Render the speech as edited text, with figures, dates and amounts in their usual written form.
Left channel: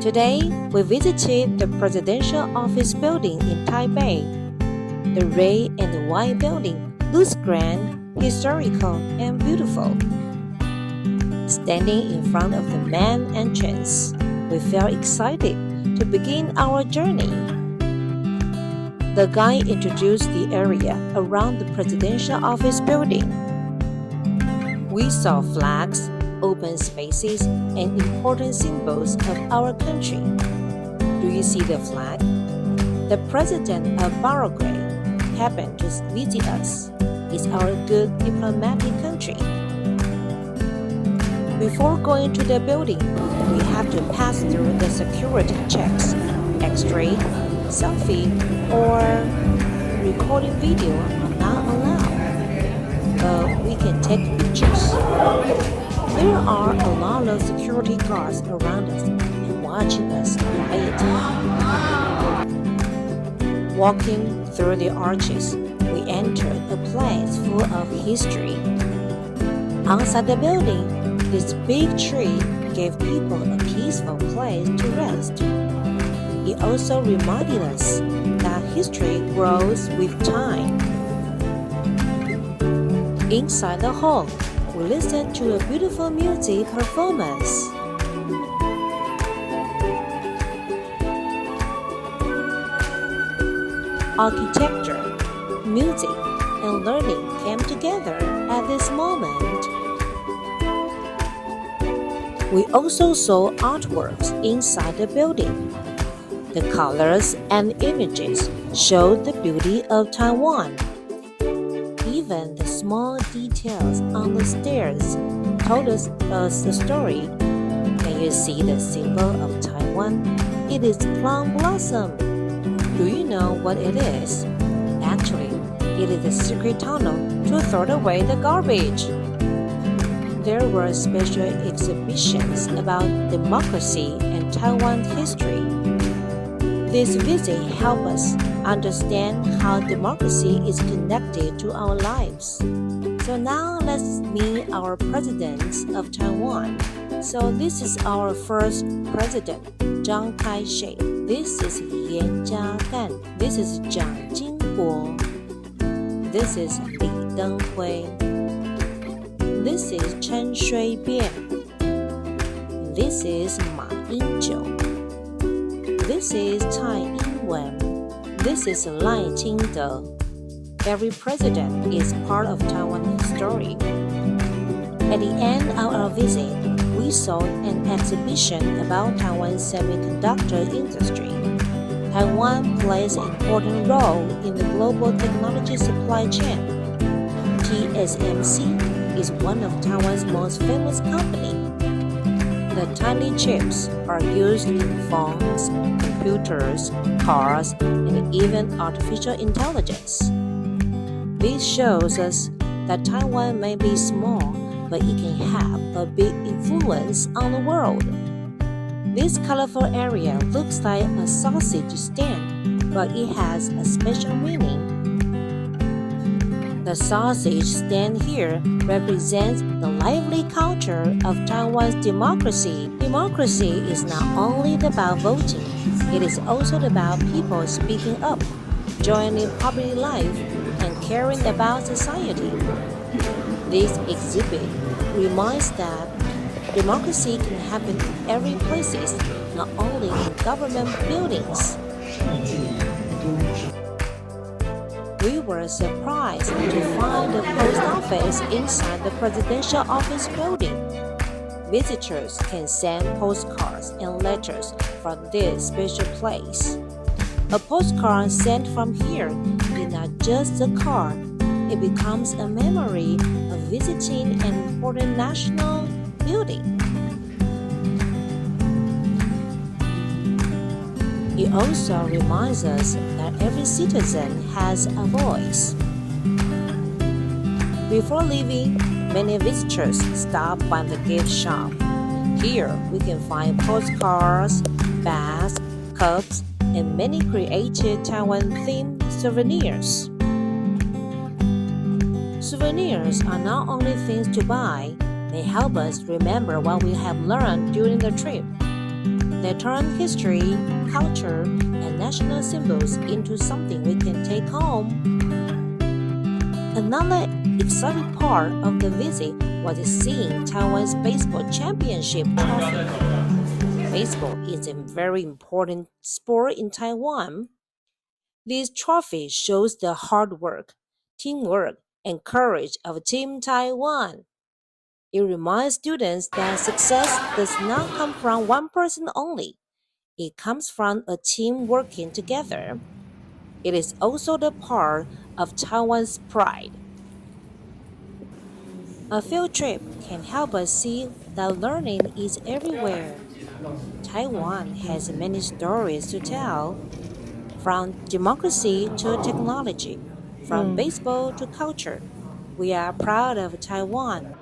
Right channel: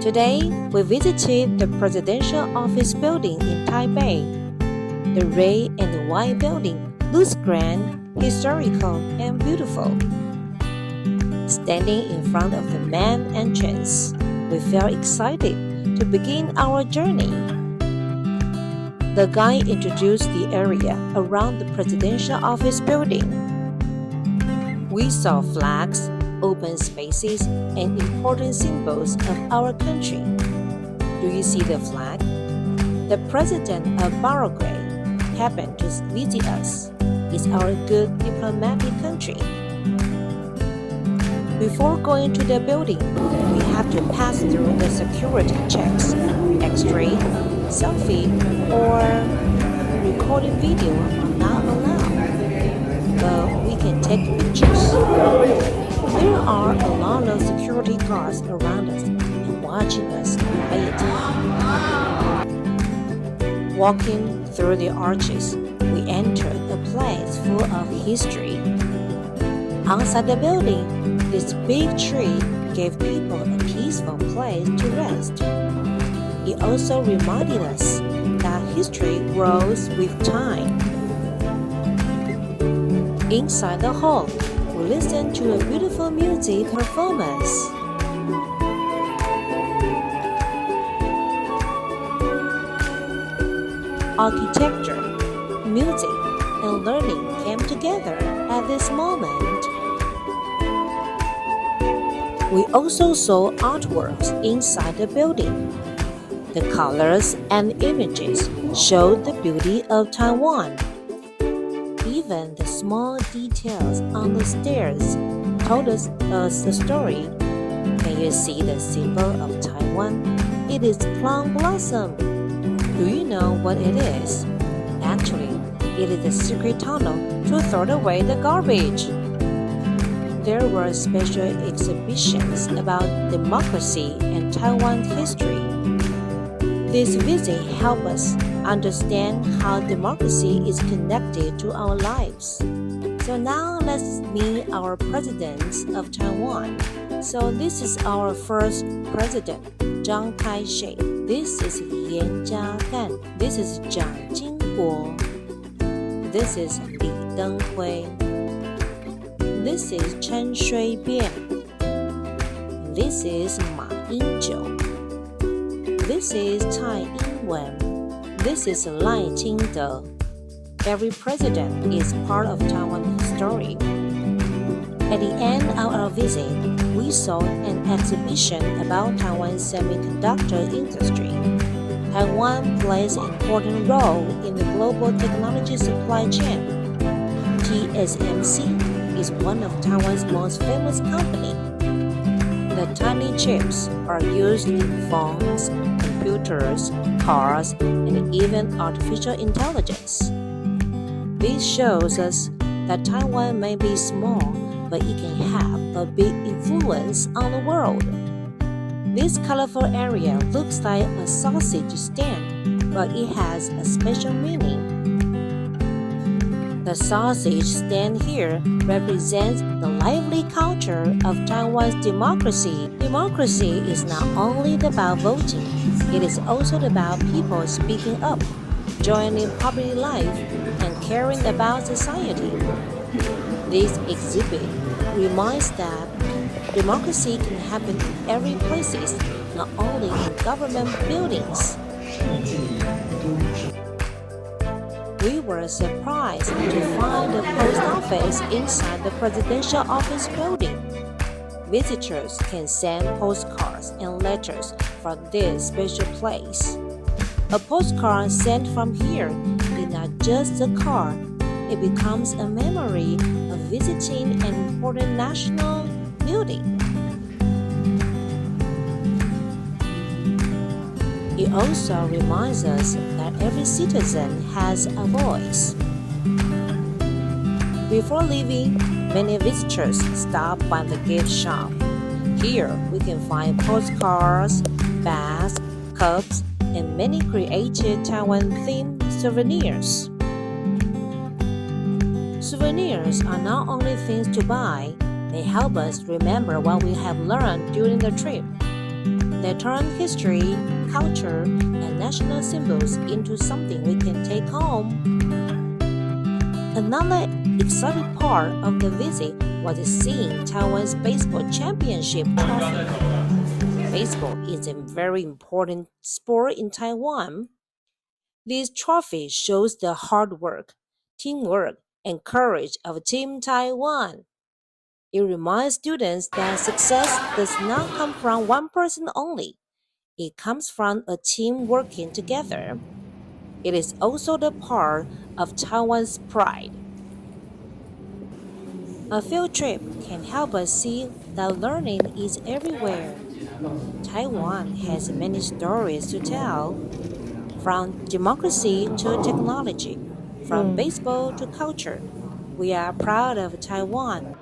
Today, we visited the Presidential Office Building in Taipei. The red and the white building looks grand, historical, and beautiful. Standing in front of the main entrance, we felt excited to begin our journey. The guide introduced the area around the Presidential Office Building. We saw flags, open spaces, and important symbols of our country. Do you see the flag? The president of Paraguay happened to visit us. It's our good diplomatic country. Before going to the building, we have to pass through the security checks. X-ray, selfie, or recording video are not allowed, but we can take pictures. There are a lot of security guards around us and watching us quietly. Walking through the arches, we entered a place full of history. Outside the building, this big tree gave people a peaceful place to rest. It also reminded us that history grows with time. Inside the hall, we listened to a beautiful music performance. Architecture, music, and learning came together at this moment. We also saw artworks inside the building. The colors and images showed the beauty of Taiwan. Even the small details on the stairs told us a story. Can you see the symbol of Taiwan? It is plum blossom. Do you know what it is? Actually, it is a secret tunnel to throw away the garbage. There were special exhibitions about democracy and Taiwan history. This visit helped us understand how democracy is connected to our lives. So now let's meet our presidents of Taiwan. So this is our first president, Chiang Kai-shek. This is Yan Jia-gan. This is Jiang Jingguo. This is Li Denghui. This is Chen Shui-bian. This is Ma Ying-jeou. This is Tsai Ing-wen. This is Lai Ching-te. Every president is part of Taiwan's story. At the end of our visit, we saw an exhibition about Taiwan's semiconductor industry. Taiwan plays an important role in the global technology supply chain. TSMC is one of Taiwan's most famous companies. The tiny chips are used in phones, computers, cars, and even artificial intelligence. This shows us that Taiwan may be small, but it can have a big influence on the world. This colorful area looks like a sausage stand, but it has a special meaning. The sausage stand here represents the lively culture of Taiwan's democracy. Democracy is not only about voting, it is also about people speaking up, joining public life, and caring about society. This exhibit reminds that democracy can happen in every place, not only in government buildings. We were surprised to find the post office inside the presidential office building. Visitors can send postcards and letters from this special place. A postcard sent from here is not just a card, it becomes a memory of visiting an important national building. It also reminds us that every citizen has a voice. Before leaving, many visitors stop by the gift shop. Here, we can find postcards, bags, cups, and many creative Taiwan-themed souvenirs. Souvenirs are not only things to buy, they help us remember what we have learned during the trip. They turn history, culture, and national symbols into something we can take home. Another exciting part of the visit was seeing Taiwan's baseball championship trophy. Baseball is a very important sport in Taiwan. This trophy shows the hard work, teamwork, and courage of Team Taiwan. It reminds students that success does not come from one person only. It comes from a team working together. It is also the part of Taiwan's pride. A field trip can help us see that learning is everywhere. Taiwan has many stories to tell, from democracy to technology, from baseball to culture. We are proud of Taiwan